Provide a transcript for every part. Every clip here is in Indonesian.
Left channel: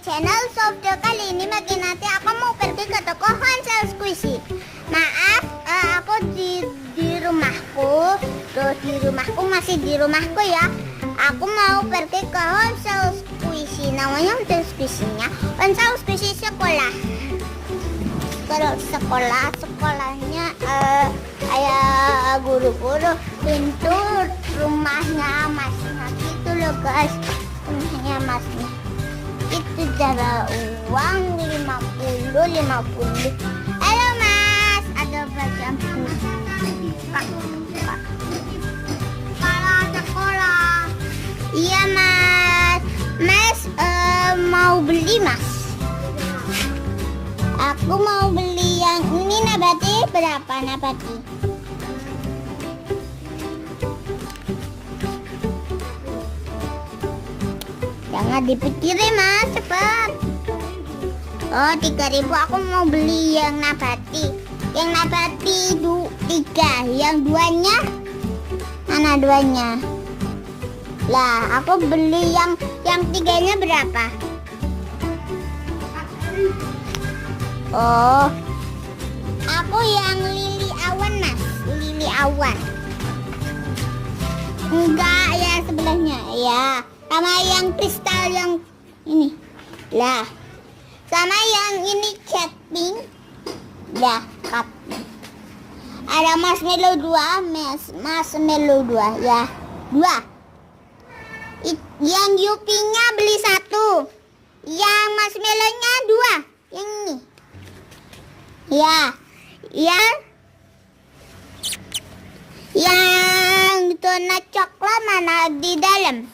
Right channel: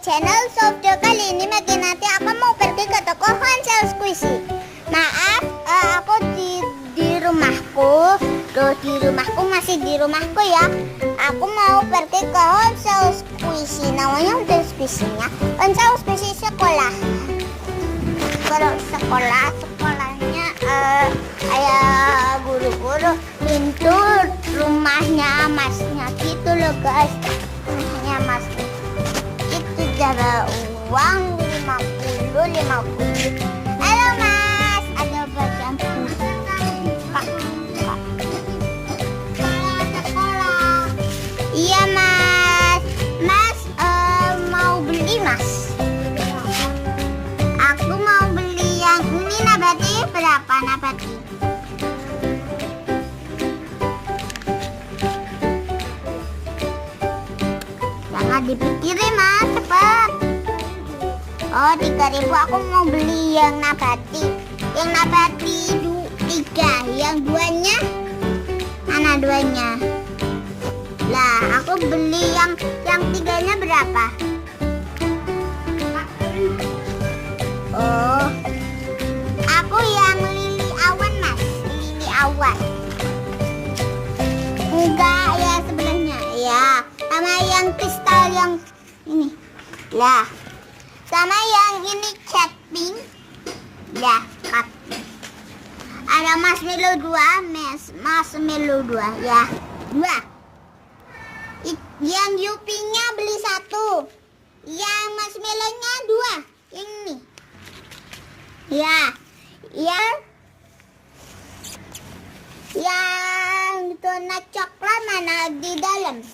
channel Sobdo. Kali ini makin nanti aku mau pergi ke toko Hansel Squishy. Maaf, aku di rumahku. Tuh, di rumahku masih di rumahku ya. Aku mau pergi ke Hansel Squishy. Namanya Hansel Squishy-nya Hansel Squishy sekolah. Kalau sekolahnya kayak guru-guru pintu rumahnya masnya gitu loh guys. Rumahnya masnya itu jarak uang 50. Halo mas, ada bagian kak. Sekolah. Iya mas, mau beli mas. Aku mau beli yang ini nabati. Berapa nabati? Jangan dipikirin mas, cepat. Oh 3.000, aku mau beli yang nabati. Yang nabati 3. Yang duanya mana duanya? Lah aku beli yang 3-nya berapa? Oh, aku yang lili awan mas, lili awan. Enggak ya sebelahnya, ya. Sama yang kristal yang ini, lah. Sama yang ini cat pink, dah cat pink. Ada marshmallow 2, marshmallow 2, ya 2. Yang yupinya beli 1, yang marshmallownya 2, yang ini. Ya, yang donat coklat mana di dalam?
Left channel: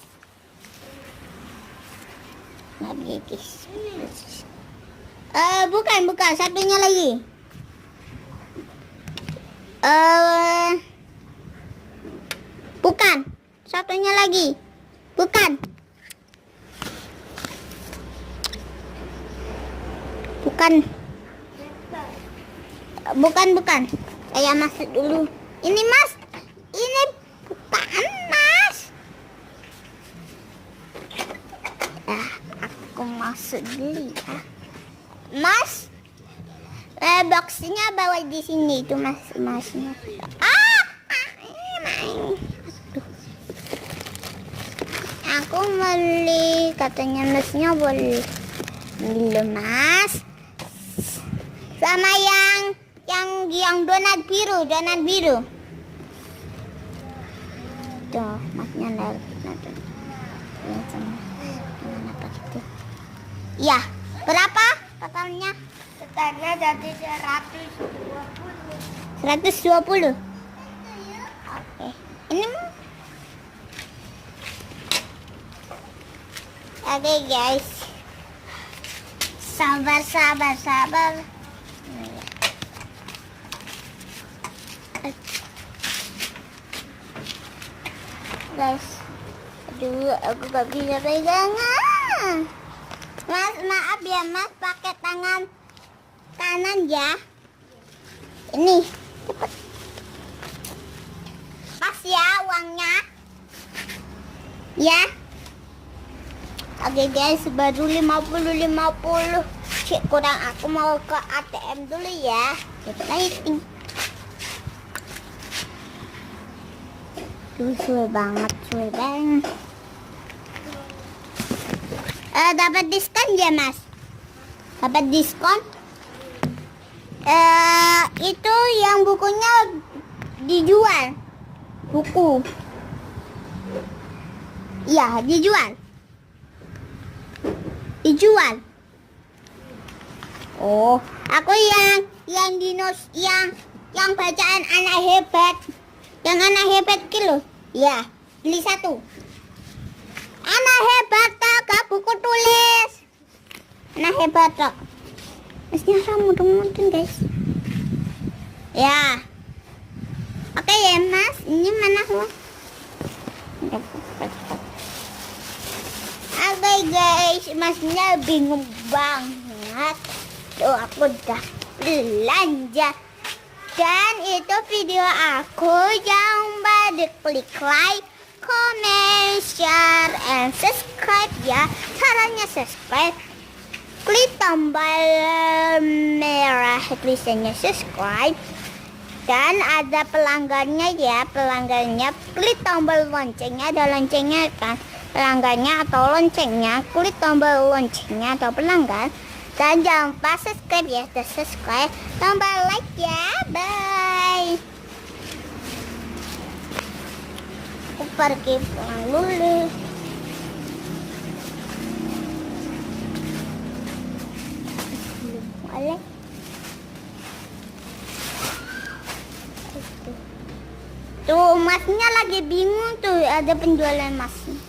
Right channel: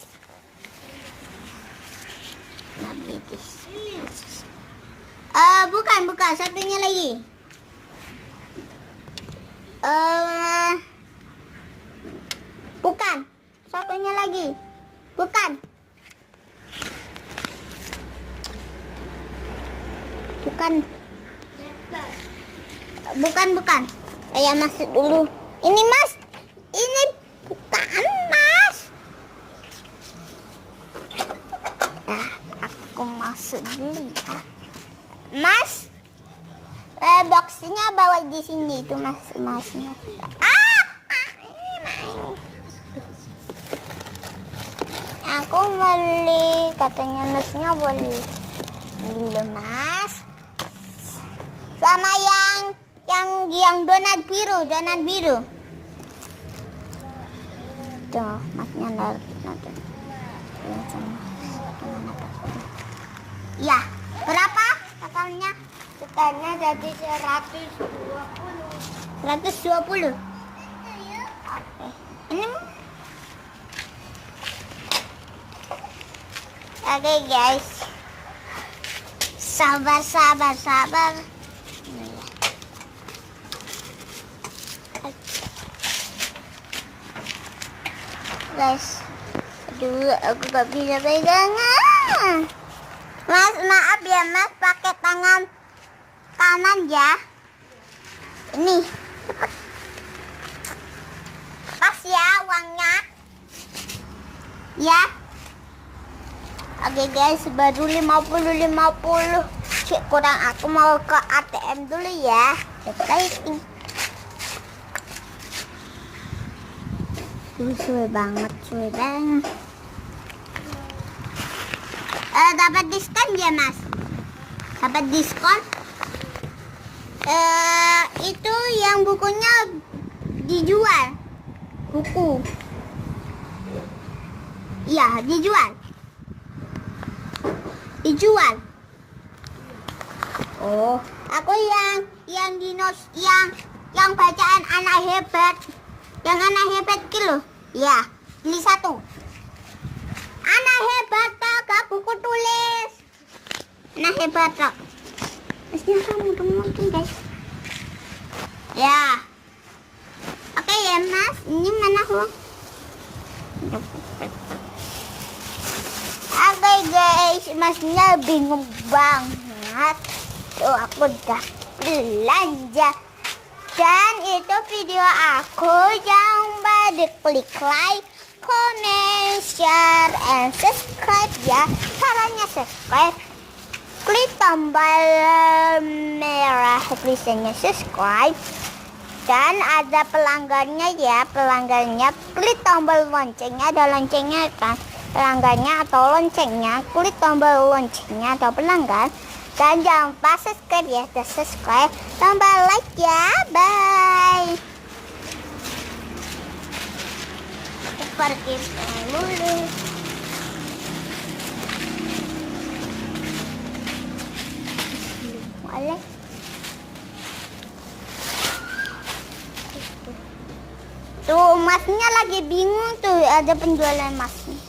Bukan, satunya lagi. Bukan, satunya lagi. Bukan. Saya masuk dulu. Ini mas, ini bukan mas. Aku masuk dulu ya. Mas, boxnya bawa di sini itu mas. Aku beli, katanya masnya boleh. Belum mas. Sama yang donat biru. Tuh, masnya naruh. Ya, berapa totalnya? Totalnya jadi 120. 120. Oke. Ini oke guys. Sabar. Guys, aduh aku gak bisa pegangan. Mas, maaf ya mas, pakai tangan kanan ya. Ini cepet. Pas ya uangnya. Ya. Oke guys, baru 50. Cik kurang, aku mau ke ATM dulu ya. Exciting. Suwe banget. Dapat diskon ya mas? Dapat diskon? Itu yang bukunya dijual. Buku. Iya, dijual. Oh, aku yang dinos yang bacaan anak hebat. Yang anak hebat kilo. Ya, beli 1. Anak hebat tak buku tulis. Anak hebat tak. Mestinya kamu mungkin guys. Ya. Oke ya mas, ini mana uang? Oke guys, masnya bingung banget. Tuh aku udah belanja. Dan itu video aku, jangan lupa diklik like, comment, share, and subscribe ya. Caranya subscribe klik tombol merah tulisannya subscribe. Dan ada pelanggannya ya, pelanggannya klik tombol loncengnya, ada loncengnya kan, pelanggannya atau loncengnya, klik tombol loncengnya atau pelanggan. Dan jangan lupa subscribe ya, subscribe, tombol like ya, bye. Aku pergi pulang dulu. Boleh. Tuh emasnya lagi bingung tuh, ada penjualan emasnya.